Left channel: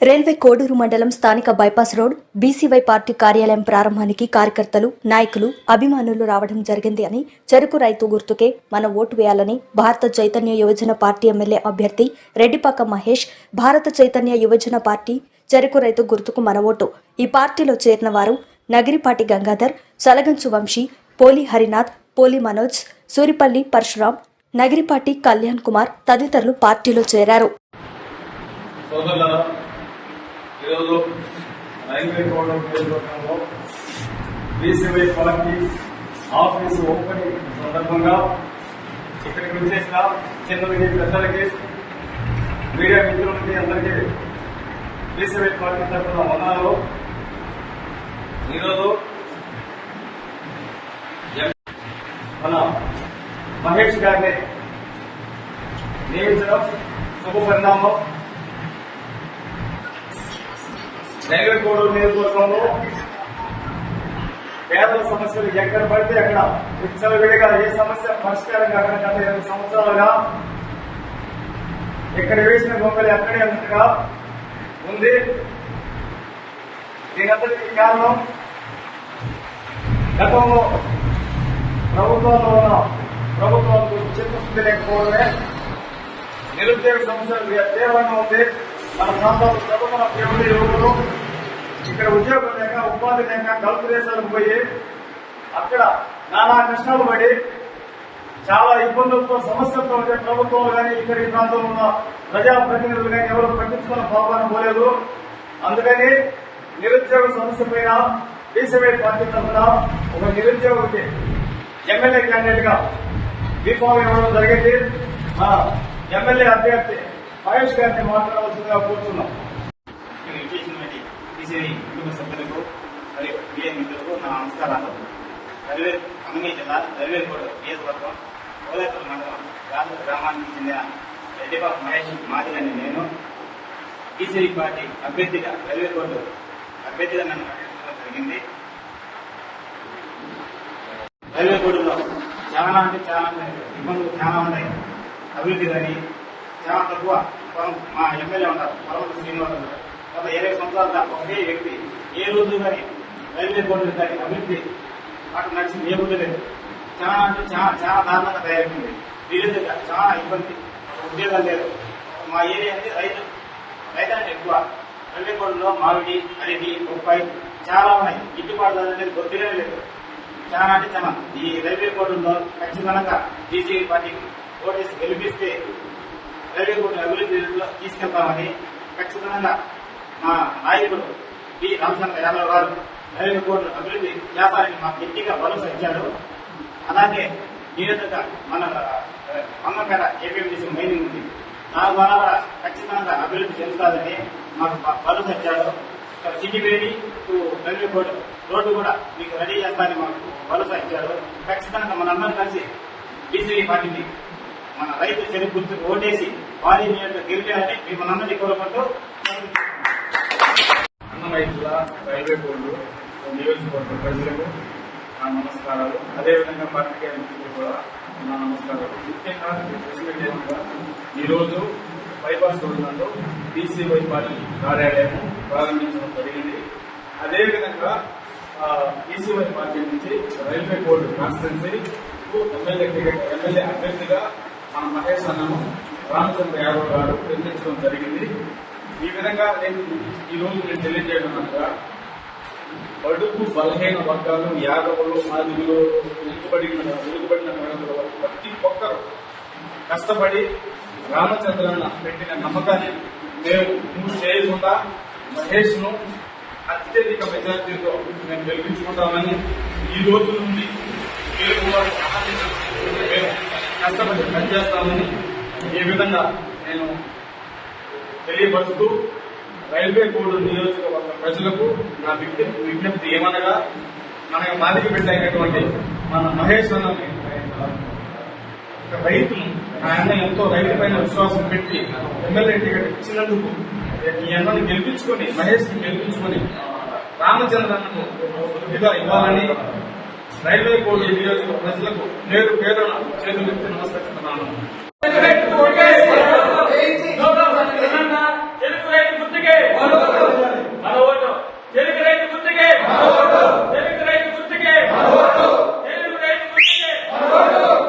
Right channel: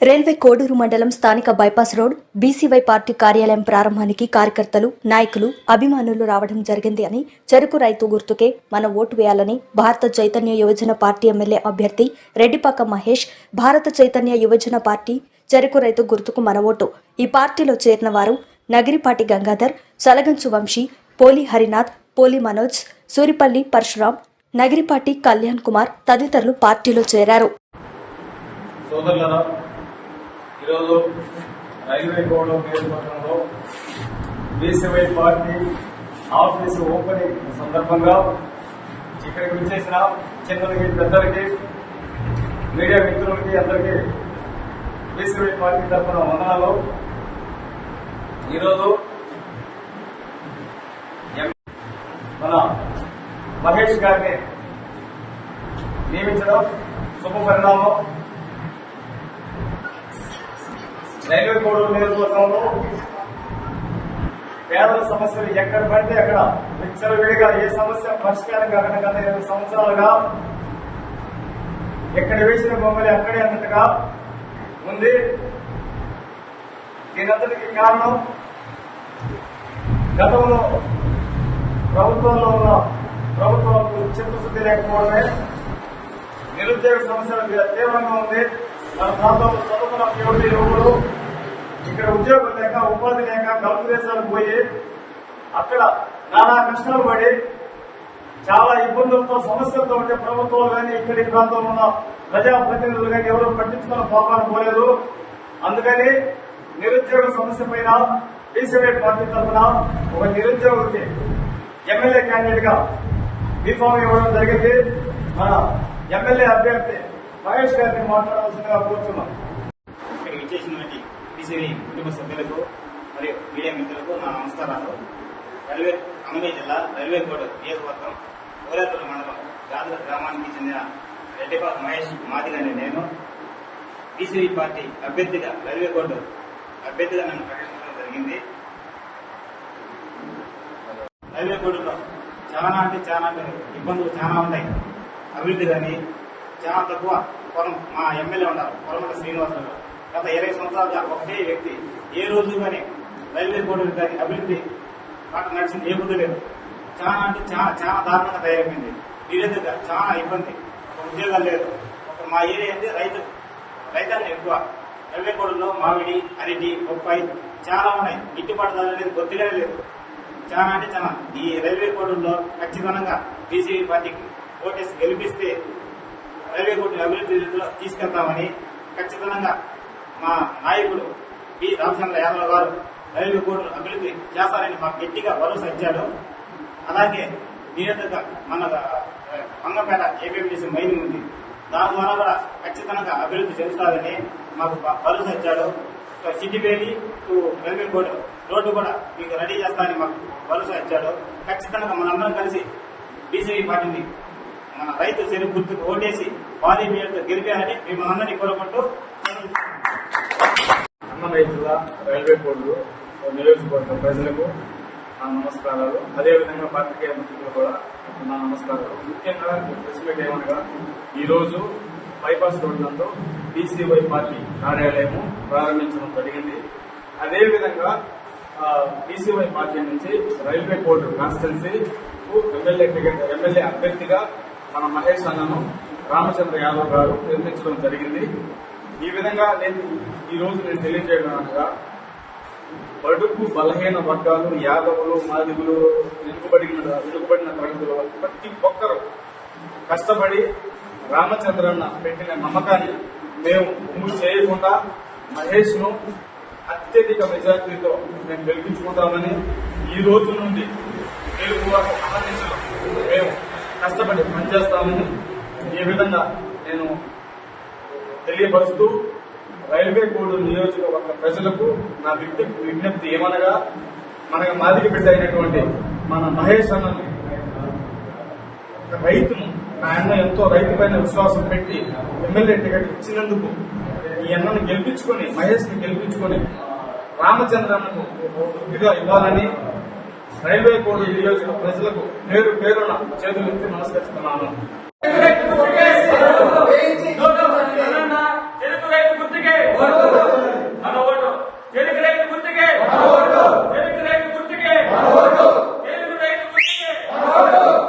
Railway Koduru మండలం స్థానిక bypass road BCY party కార్యాలయం ప్రారంభానికి కార్యకర్తలు నాయకులు అభిమానులు రావడం జరిగింది అని చెరుకు రైతు గుర్తుకే మన ఓటు వేయాలని భారత చైతన్య యువజన పార్టీ ఎమ్మెల్యే అభ్యర్థి రెడ్డిపాక మహేష్ భారత చైతన్య యువజన పార్టీ చెరుకు రైతు గుర్తుకు మన ఓటు. ఈ పార్టీలో చేరిన వారు నగిరిపాటి గంగాధర్ సలగంచు వంశీ పోలి హరినాథ్ పోలి మనోజ్ సూరిపల్లి పరశురాం నగిరిపాటి కళ్యాణ్ కుమార్ తదితరులు పార్టీలో చేరారు. సోదరులారా ఈరోజు రైల్వే కోడ్ నియోజకవర్గంలో బీసీవై పార్టీ ఆఫీసు ఓపెనింగ్ సందర్భంగా ఇక్కడికి వచ్చేసిన చిన్నలకి పెద్దలకి మీడియా మిత్రులకి అందరికీ బీసీవై పార్టీ తరఫున వందనాలు. ఈరోజు మన మహేష్ గారిని నియమించడం శుభ పరిణామం రైల్వే కోడూరు నియోజకవర్గంలో పేదల సమస్యలు ఎక్కడ పడితే అక్కడ విచ్చలవిడిగా ఏ సమస్య పరిష్కారం కాకుండా గత ఇరవై సంవత్సరాలుగా ఎక్కడ వేసిన బొమ్మలు అక్కడే అన్నట్టుగా ఉంది. దీనంతటికి కారణం గతంలో ప్రభుత్వంలో ఉన్న ప్రభుత్వాలకు చిత్తశుద్ధి లేకపోవడమే. నిరుద్యోగ సమస్యలు తీవ్రంగా ఉంది. మన ప్రాంతంలో చదువుకున్న కేవలం యువకులు ఉద్యోగం లేక ఉపాధి లేక గల్ఫ్ దేశాలకు పోయి అక్కడ నానా కష్టాలు పడి చాలా ఇబ్బందులతో సమస్యలతో ఉంటే ప్రభుత్వాలు కానీ ఇక్కడ ఈ ప్రాంతంలో ఉన్న ప్రజాప్రతినిధులు కానీ ఎవరు పట్టించుకున్న పాపాన్ని పోలేదు. అందుకని నిరుద్యోగ సమస్య పైన డీసీవైట్ పార్టీ తరఫున ఒక నిరుద్యోగికి ఎమ్మెల్యే క్యాండిడేట్గా బీఫామ్ ఇవ్వడం జరిగింది. మన ఎమ్మెల్యే అభ్యర్థి మహేష్ గారిని మాట్లాడాల్సిందిగా కోరుతున్నాం. ఈసీఐ బీసీఐ కుటుంబ సభ్యులకు మరియు మీడియా మిత్రులకు నా నమస్కారాలు. రైల్వే ఖమ్మం జిల్లా రైల్వే కోడ్ నియోజకవర్గం ఓలేపల్లి మండలం రాజు గ్రామానికి చెందిన రెడ్డిబాబు మహేష్ మాదిగని నేను. బీసీఐ పార్టీ అభ్యర్థిగా రైల్వే కోర్టు అభ్యర్థిగా నన్ను ప్రకటించడం జరిగింది. రైల్వే చాలా అంటే చాలా ఇబ్బందులు చాలా ఉన్నాయి. అభివృద్ధి కానీ చాలా తక్కువ. పొలం మా ఎమ్మెల్యే ఉన్నారు పొలమట శ్రీనివాసరావు గత ఇరవై సంవత్సరాలుగా ఒకటే వ్యక్తి ఏ రోజు కానీ రైల్వే బోర్డులు కానీ అభివృద్ధి అక్కడ నడిచింది ఏ ముందు లేదు. చాలా అంటే చాలా చాలా దారుణంగా తయారైంది. నిరుద్యోగ చాలా ఇబ్బంది ఉద్యోగాలు లేదు మా ఏరియా అంటే రైతు రైతాంగం ఎక్కువ. రైల్వే బోర్డులో మామిడి అరటి బొప్పాయి చాలా ఉన్నాయి. గిట్టుబాటు ధర అనేది కొద్దిగానే లేదు చాలా అంటే చాలా. ఈ రైల్వే బోర్డులో ఖచ్చితంగా బీజేపీ పార్టీకి ఓటేసి గెలిపిస్తే రైల్వే కోర్టుని అభివృద్ధిలో తీసుకెళ్తామని ఖచ్చితంగా మా నాయకుడు పి రామచంద్ర యాదవ్ గారు రైల్వే కోర్టు అభివృద్ధి చేస్తారని మాకు గట్టిగా భరోసా ఇచ్చారు. అలాగే నిరంతరంగా మన అమ్మకర ఏపీఎంటీసీ మైనింగ్ ఉంది. దాని ద్వారా ఖచ్చితంగా అభివృద్ధి చేస్తారని మాకు భరోసా ఇచ్చారు. ఇక్కడ సిటీపేటి రైల్వే కోర్టు రోడ్డు కూడా మీకు రెడీ చేస్తారని మాకు భరోసా ఇచ్చాడు ఖచ్చితంగా మనందరం కలిసి బీసీపీ పార్టీని మన రైతు చెరుకు గుర్తు ఓటేసి భారీ మీరుతో గెలిపారని మిమ్మల్ని అందరినీ కోరుకుంటూ అన్నమయ్య జిల్లా రైల్వే నియోజకవర్గ ప్రజలకు నా నమస్కారాలు. అదేవిధంగా పార్టీ మిత్రులు కూడా నా నమస్కారాలు. ముఖ్యంగా విషయం ఏమనగా ఈరోజు బైపాస్ రోడ్లలో బీసీవై పార్టీ కార్యాలయం ప్రారంభించడం జరిగింది. అదేవిధంగా బీసీవై పార్టీ నుంచి రైల్వే బోర్డు కాన్స్టెన్సీకు ఎమ్మెల్యే టికెట్ ఎమ్మెల్యే అభ్యర్థిగా మన మహేష్ అన్నను రామచంద్ర యాదవ్ గారు నిర్మించడం జరిగింది. ఈ విధంగా నేను ఈ రోజు నేను తెలియజేయడం అనగా బడుగు బలహీన వర్గాలు యాదవులు మాదిగులు వెనుకబడిన వెనుకబడిన ప్రజలు ప్రతి ఒక్కరు కష్టపడి రామచంద్రన్న పెట్టిన నమ్మకాన్ని మేము ముందు చేయకుండా మహేష్ను అత్యధిక మెజార్టీతో మేము గెలిపించుకుంటామని ఈ రోజు నుండి మీరు కూడా మేము కష్టపడి పనిచేస్తామని ఈ విధంగా నేను తెలియపరుస్తూ రైల్వే కోడ్ నియోజకవర్గ ప్రజలకు నా విజ్ఞప్తి విజ్ఞప్తి ఏమనగా మన మాదిరి బిడ్డ అయినటువంటి మన మహేష్ అన్న రైతు రైతును ఆయన ఎంతో రైతు పైన విశ్వాసం పెట్టి ఎమ్మెల్యే టికెట్ ఇచ్చినందుకు ఈ అన్నను గెలిపించుకొని మహేష్ని గెలిపించుకొని రామచంద్రను ఇదిగా ఇవ్వాలని రైల్వే కోడ్ నియోజక ప్రజలకు పేరు పేరున చేతులెత్తి నమస్కరిస్తున్నాను